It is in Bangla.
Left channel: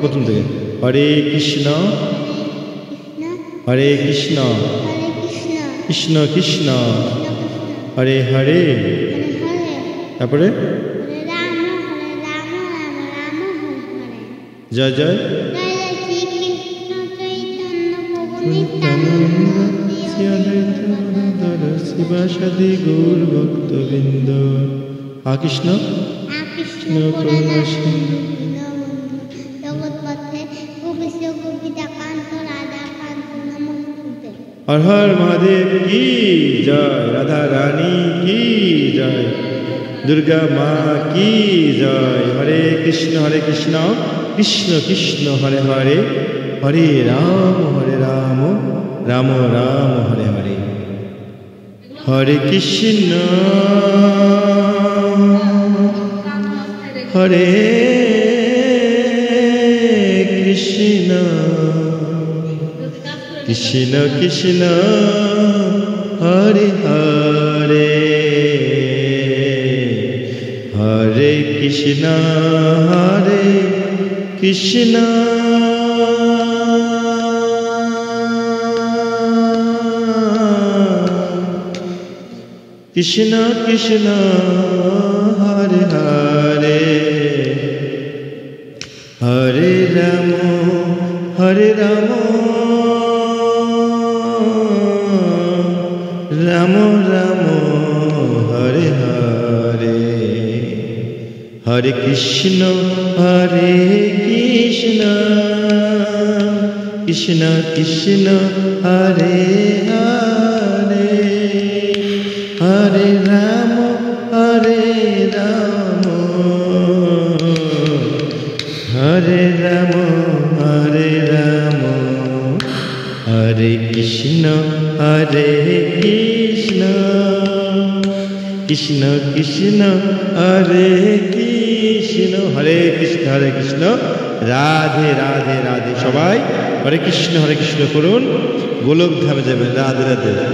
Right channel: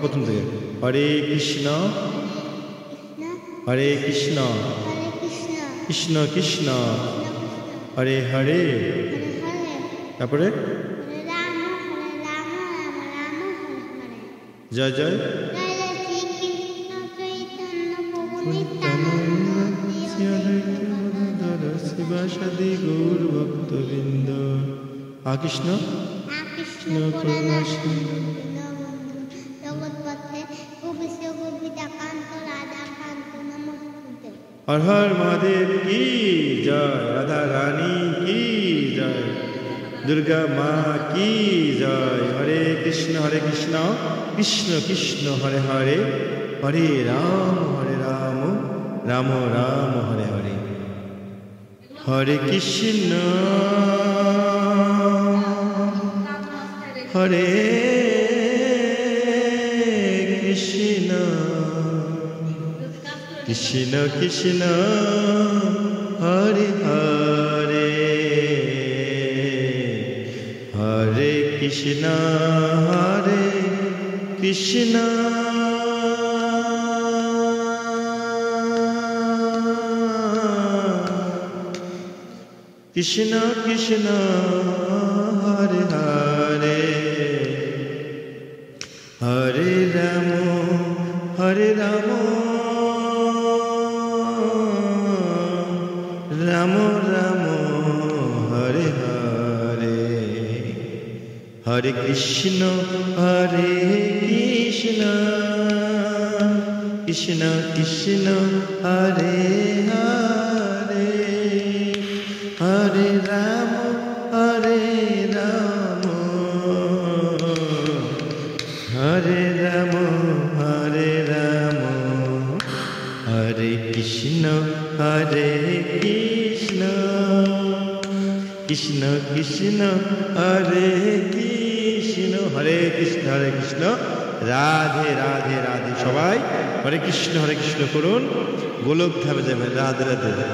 প্রথম থেকে হরে কৃষ্ণ হরে কৃষ্ণ কৃষ্ণ কৃষ্ণ হরে হরে তারপরে জয় জয় শিবাসাদি গৌর ভক্তবৃন্দ কৃষ্ণ কৃষ্ণ করুণা हर हर महादेव की जय, राधा रानी की जय, दुर्गा माँ की जय। हरे कृष्ण कृष्ण कृष्ण हरे हरे, हरे राम राम राम हरे हरे। हरे कृष्ण हरे कृष्ण कृष्ण कृष्ण हरे हरे, हरे कृष्ण कृष्ण कृष्ण कृष्ण हरे हरे, हरे राम राम राम हरे हरे। हरे कृष्ण कृष्ण कृष्ण हरे हरे, हरे राम हरे राम हरे कृष्ण कृष्ण कृष्ण हरे कृष्ण, हरे कृष्ण राधे राधे राधे। सबाई हरे कृष्ण করুন, গোলক ধামে যাবেন। রাধে রাধে।